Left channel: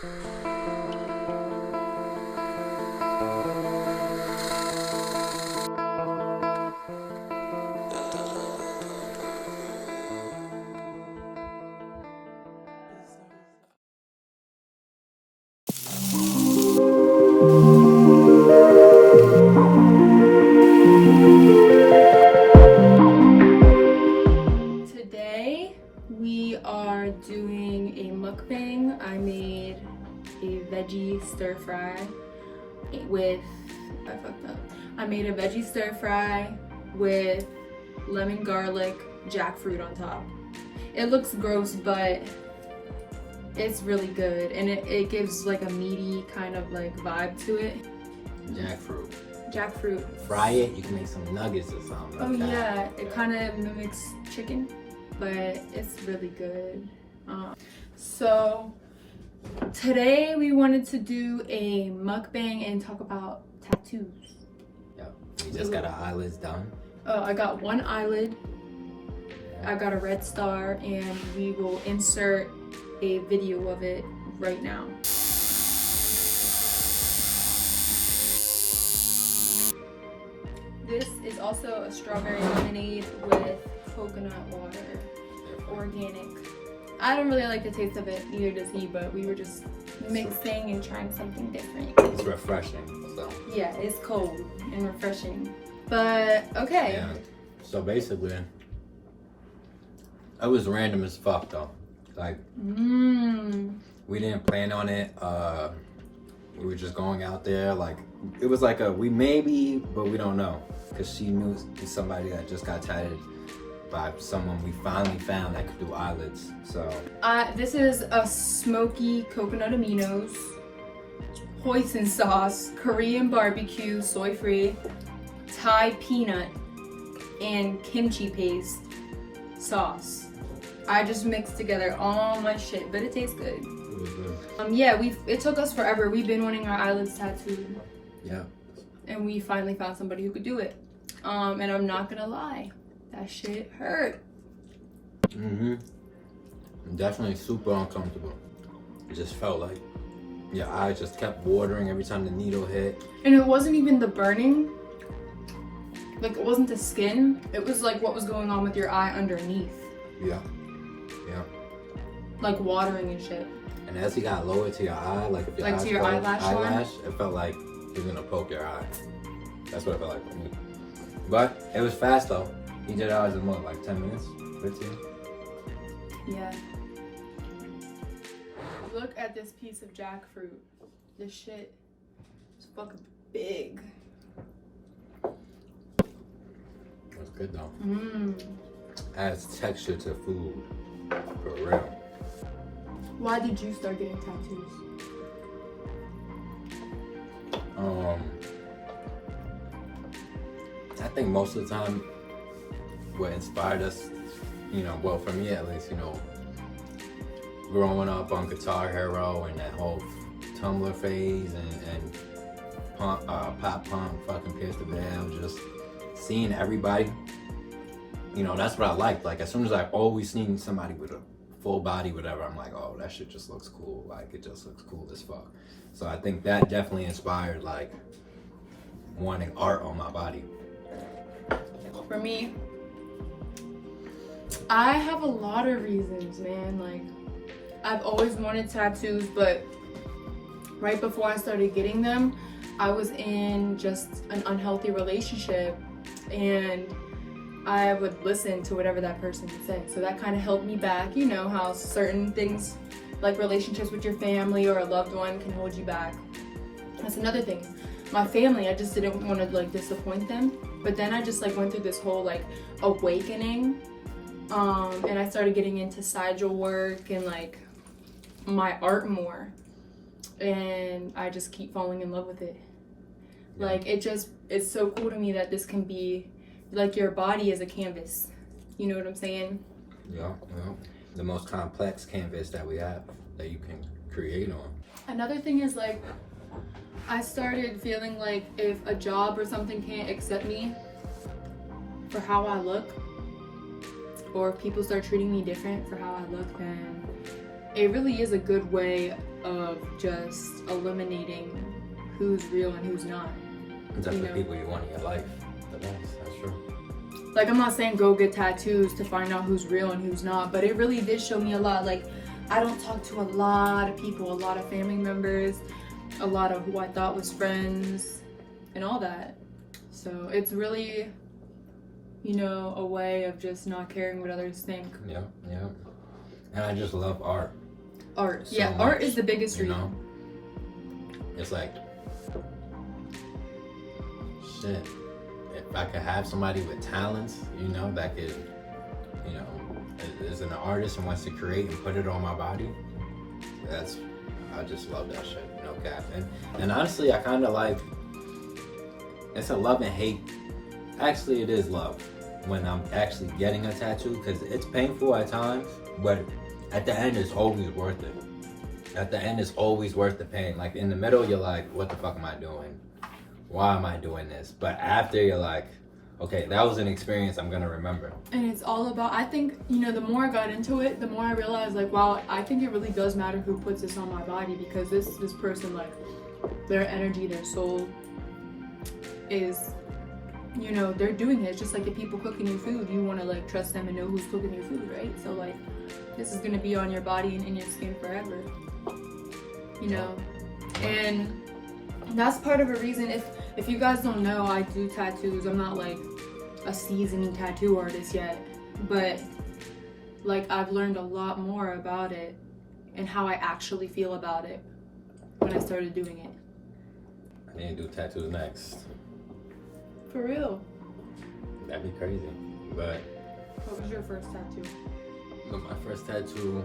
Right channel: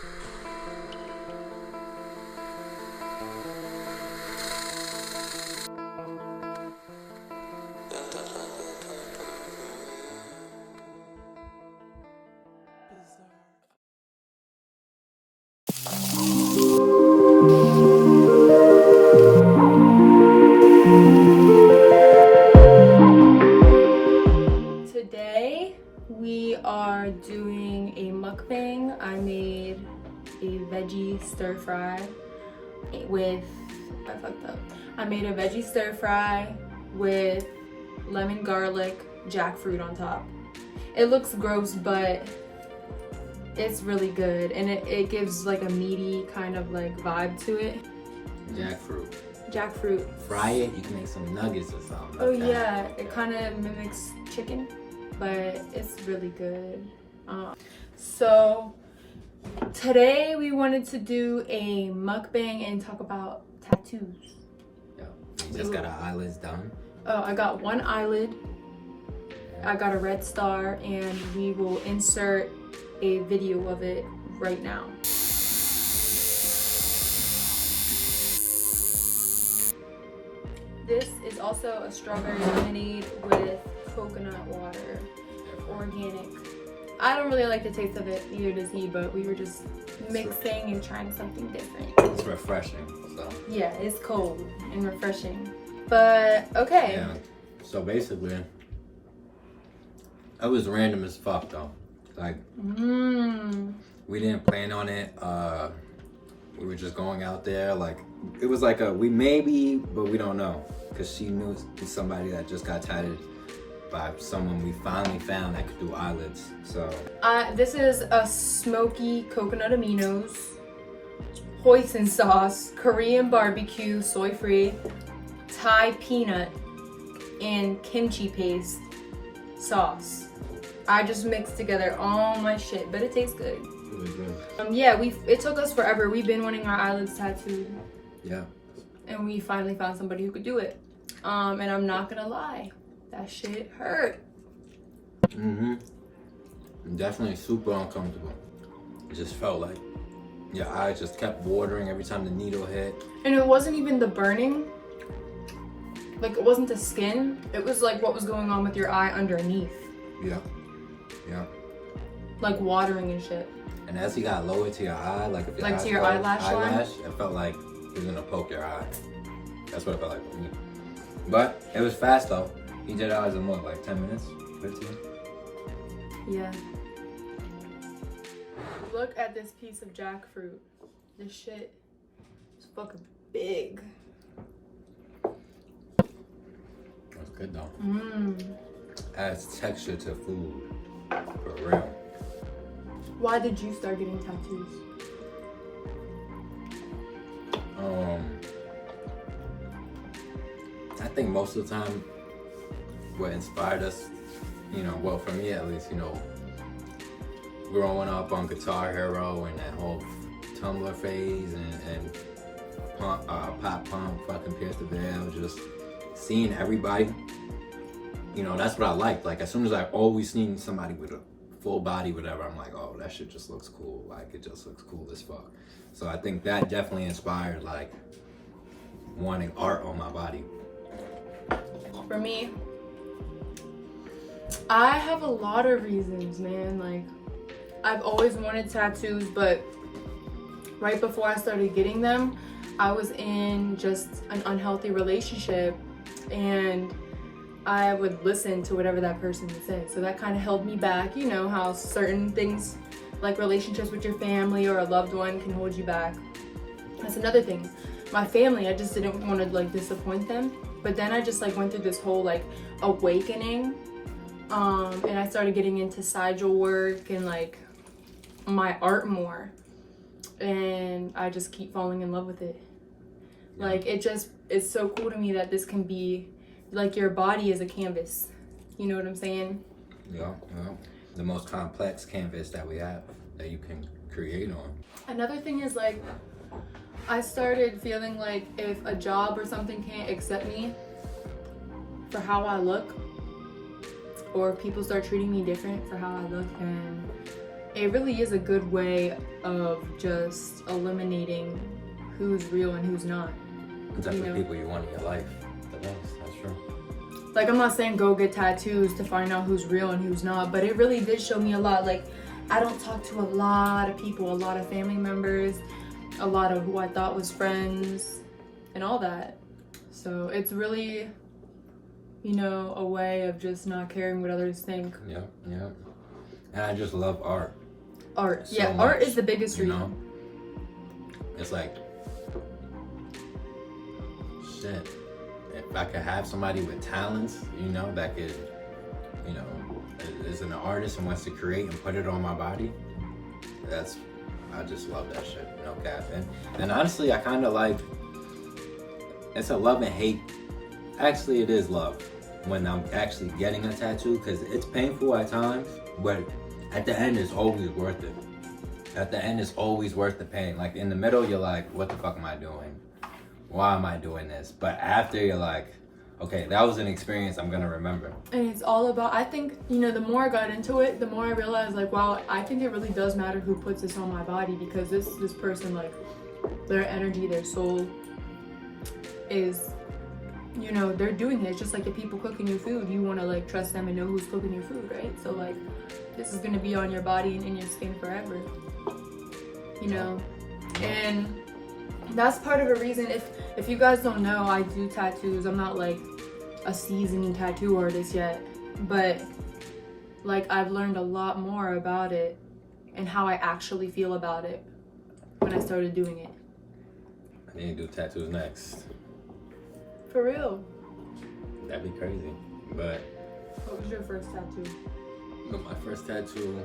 Today we are doing a mukbang. I made a veggie stir fry with, I made a veggie stir fry with lemon garlic jackfruit on top. It looks gross, but it's really good, and it gives like a meaty kind of like vibe to it. Jackfruit. Fry it, you can make some nuggets or something. Oh yeah, it kind of mimics chicken, but it's really good. So today we wanted to do a mukbang and talk about tattoos. Yeah, we just got our eyelids done. Oh, I got one eyelid. I got a red star, and we will insert a video of it right now. This is also a strawberry lemonade with coconut water, organic. I don't really like the taste of it, neither does he, but we were just mixing and trying something different. It's refreshing, so. Yeah, it's cold and refreshing. But, okay. Yeah, so basically, it was random as fuck though. Like, we didn't plan on it. We were just going out there. Like, it was like we maybe, but we don't know. Because she knew somebody that just got tatted by someone we finally found that could do eyelids. So this is a smoky coconut aminos, hoisin sauce, Korean barbecue, soy-free, Thai peanut, and kimchi paste sauce. I just mixed together all my shit, but it tastes good. Really good. Yeah, it took us forever. We've been wanting our eyelids tattooed. Yeah. And we finally found somebody who could do it. And I'm not gonna lie, that shit hurt. Definitely super uncomfortable. It just felt like your eye just kept watering every time the needle hit. And it wasn't even the burning. Like, it wasn't the skin. It was like what was going on with your eye underneath. Yeah. Yeah. Like watering and shit. And as he got lower to your eye, like if your like eyes to your closed, eyelash, it felt like he was gonna poke your eye. That's what it felt like for me. But it was fast though. He did ours in what, like 10 minutes? 15? Yeah. Look at this piece of jackfruit. This shit is fucking big. That's good though. Adds texture to food. For real. Why did you start getting tattoos? I think most of the time what inspired us, you know, well for me at least, you know, growing up on Guitar Hero and that whole Tumblr phase and pop punk, fucking Pierce the Veil, just seeing everybody, you know, that's what I liked. Like, as soon as I always seen somebody with a full body, whatever, I'm like, oh, that shit just looks cool. Like, it just looks cool as fuck. So I think that definitely inspired, like, wanting art on my body. For me, I have a lot of reasons, man. Like, I've always wanted tattoos, but right before I started getting them, I was in just an unhealthy relationship, and I would listen to whatever that person would say. So that kind of held me back. You know how certain things, like relationships with your family or a loved one, can hold you back. That's another thing. My family, I just didn't want to like disappoint them. But then I just like went through this whole like awakening, and I started getting into sigil work and like my art more, and I just keep falling in love with it. Yeah. Like, it's so cool to me that this can be like your body is a canvas. You know what I'm saying? Yeah, yeah. The most complex canvas that we have that you can create on. Another thing is like, I started feeling like if a job or something can't accept me for how I look, or if people start treating me different for how I look, then it really is a good way of just eliminating who's real and who's not. The type of people you want in your life. That's true. Like, I'm not saying go get tattoos to find out who's real and who's not, but it really did show me a lot. Like, I don't talk to a lot of people, a lot of family members, a lot of who I thought was friends, and all that. So it's really, you know, a way of just not caring what others think. Yeah. And I just love art. Art. So yeah, much, art is the biggest reason. know? It's like, shit. If I could have somebody with talents, you know, that could, you know, is an artist and wants to create and put it on my body, I just love that shit, no cap. And honestly, I kind of like, it's a love and hate. Actually, it is love when I'm actually getting a tattoo, because it's painful at times, but at the end, it's always worth it. At the end, it's always worth the pain. Like, in the middle, you're like, what the fuck am I doing? Why am I doing this? But after, you're like, okay, that was an experience I'm gonna remember. And it's all about, I think, you know, the more I got into it, the more I realized, like, wow, I think it really does matter who puts this on my body, because this person, like, their energy, their soul is, you know, they're doing it. It's just like the people cooking your food. You want to, like, trust them and know who's cooking your food, right? So, like, this is gonna be on your body and in your skin forever, you know. And that's part of a reason. If you guys don't know, I do tattoos. I'm not like a seasoned tattoo artist yet, but like, I've learned a lot more about it and how I actually feel about it when I started doing it. I need to do tattoos next. For real. That'd be crazy. But What was your first tattoo? my first tattoo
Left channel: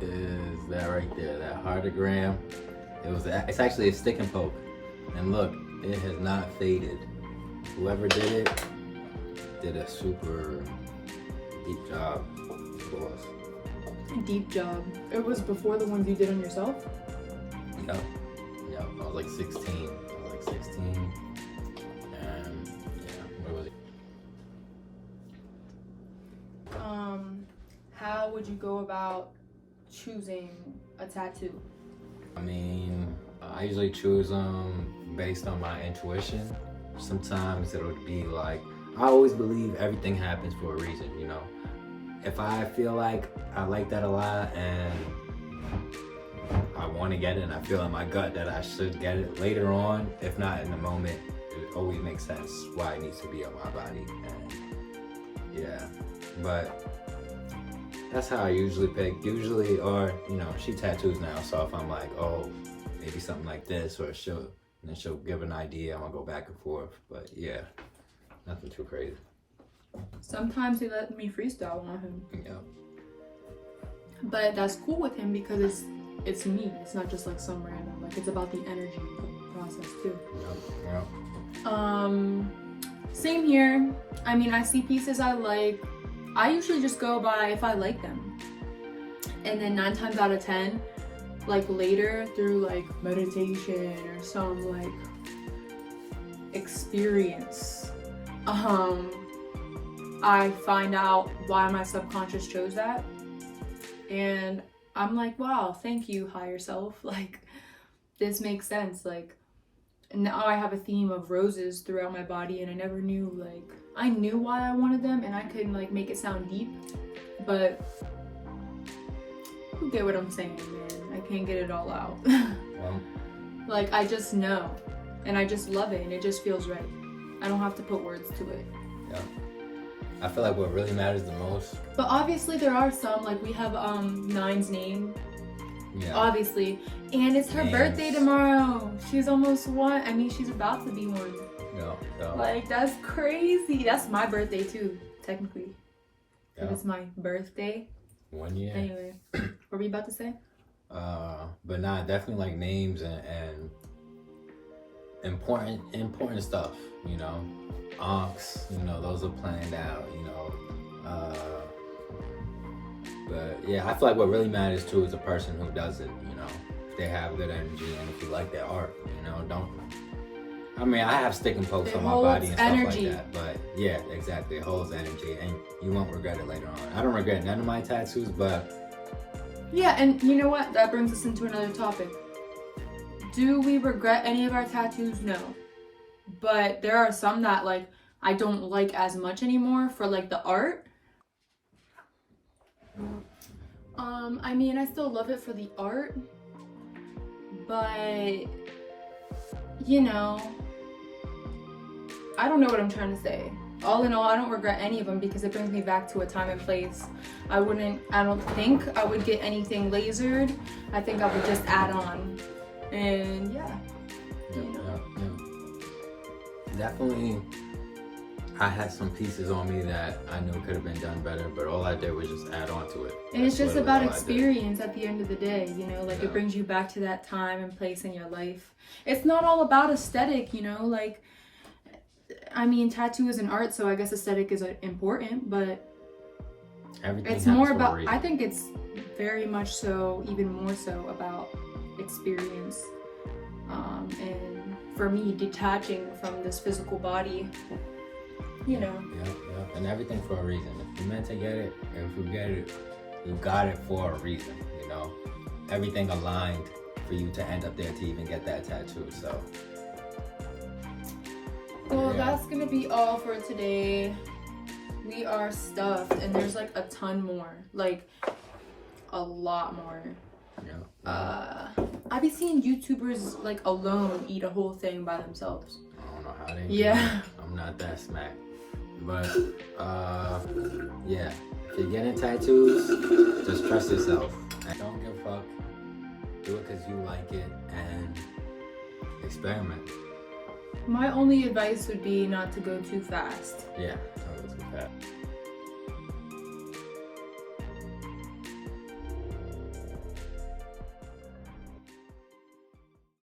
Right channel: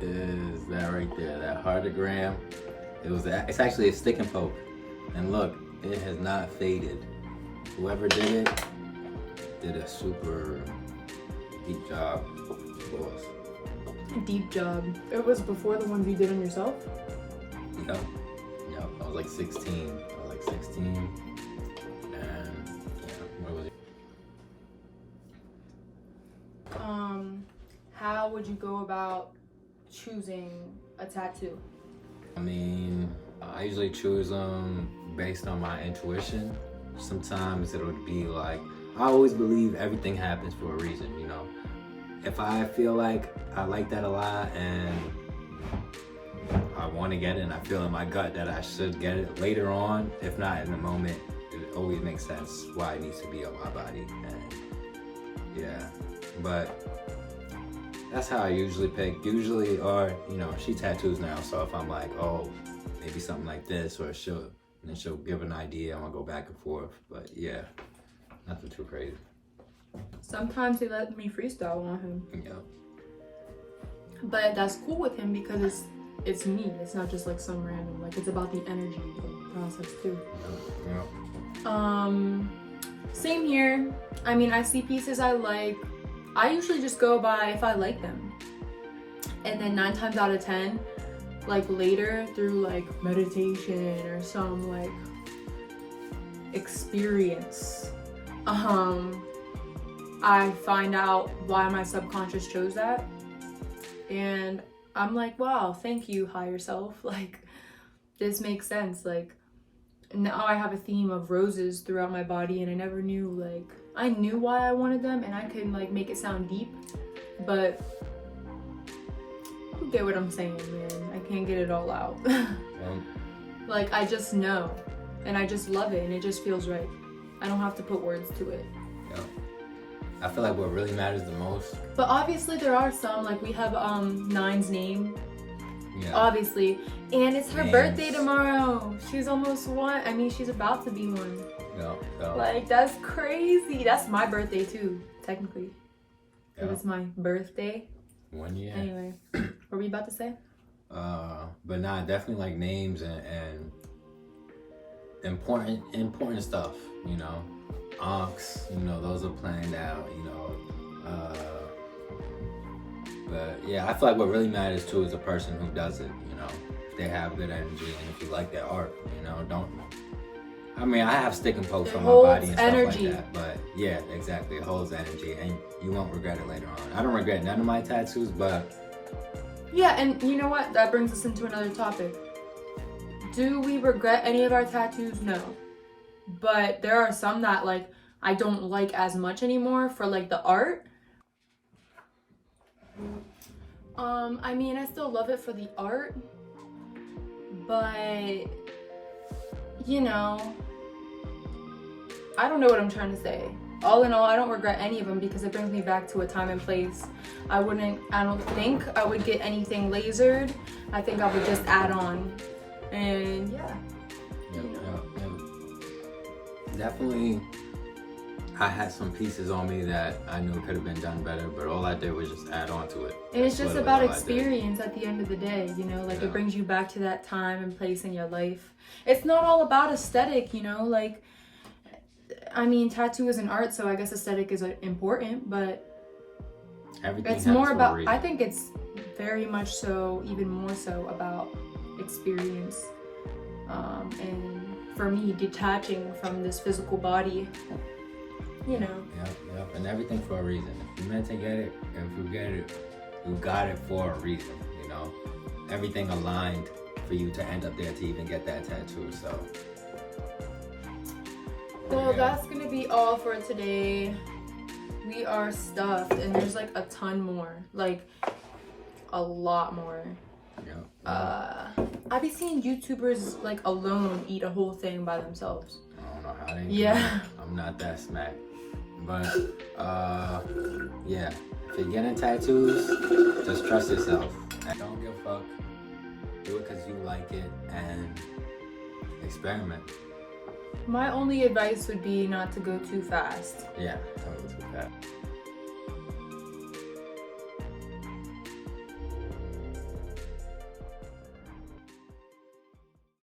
is that right there, that heartogram. It's actually a stick and poke. And look, it has not faded. Whoever did it did a super deep job, boss. Deep job. It was before the ones you did on yourself? Yep. I was like 16. And yeah, what was it? How would you go about choosing a tattoo? I mean, I usually choose them based on my intuition. Sometimes it'll be like, I always believe everything happens for a reason, you know. If I feel like I like that a lot and I want to get it and I feel in my gut that I should get it later on, if not in the moment, it always makes sense why it needs to be on my body. And yeah, but that's how I usually pick. Usually, or, you know, she tattoos now, so if I'm like, oh, maybe something like this, or she'll give an idea, I'm gonna go back and forth. But yeah, nothing too crazy. Sometimes he let me freestyle on him. Yeah. But that's cool with him because it's me. It's not just like some random, like, it's about the energy process too. Yeah. Same here. I mean, I see pieces I like. I usually just go by if I like them. And then 9 times out of 10, like later through like meditation or some like experience, I find out why my subconscious chose that. And I'm like, wow, thank you, higher self. Like, this makes sense. Like, now I have a theme of roses throughout my body, and I never knew, like, I knew why I wanted them, and I could, like, make it sound deep, but you get what I'm saying, man. I can't get it all out. Like, I just know, and I just love it, and it just feels right. I don't have to put words to it. Yeah. I feel like what really matters the most. But obviously there are some, like, we have Nine's name. Yeah. Obviously. And it's her birthday tomorrow. She's almost 1. I mean, she's about to be 1. Yeah. Like, that's crazy. That's my birthday too, technically. Yeah. It's my birthday. 1 year. Anyway, what were we about to say? But nah, definitely like names and important stuff, you know. Unks, you know, those are planned out, you know. But yeah, I feel like what really matters too is the person who does it, you know. If they have good energy and if you like their art, you know, I mean, I have stick and pokes on my body and stuff like that, but yeah, exactly, it holds energy and you won't regret it later on. I don't regret none of my tattoos, but Yeah, and you know what? That brings us into another topic. Do we regret any of our tattoos? No. But there are some that like I don't like as much anymore for like the art. I mean, I still love it for the art, but you know, I don't know what I'm trying to say. All in all, I don't regret any of them because it brings me back to a time and place. I don't think I would get anything lasered. I think I would just add on. And yeah. Yeah. Definitely, I had some pieces on me that I knew could have been done better, but all I did was just add on to it. And it's just about experience at the end of the day, you know, like it brings you back to that time and place in your life. It's not all about aesthetic, you know, like, I mean, tattoo is an art, so I guess aesthetic is important, but everything it's more for a about, reason. I think it's very much so, even more so about experience. And for me, detaching from this physical body, you know. Yep. And everything for a reason. If you meant to get it, if you get it, you got it for a reason, you know. Everything aligned for you to end up there to even get that tattoo, so. Well, that's gonna be all for today. We are stuffed, and there's like a ton more, like a lot more. I be seeing YouTubers like alone eat a whole thing by themselves. I don't know how they do it. I'm not that smack. But yeah, if you're getting tattoos, just trust yourself. And don't give a fuck. Do it because you like it and experiment. My only advice would be not to go too fast. Yeah, don't go too fast.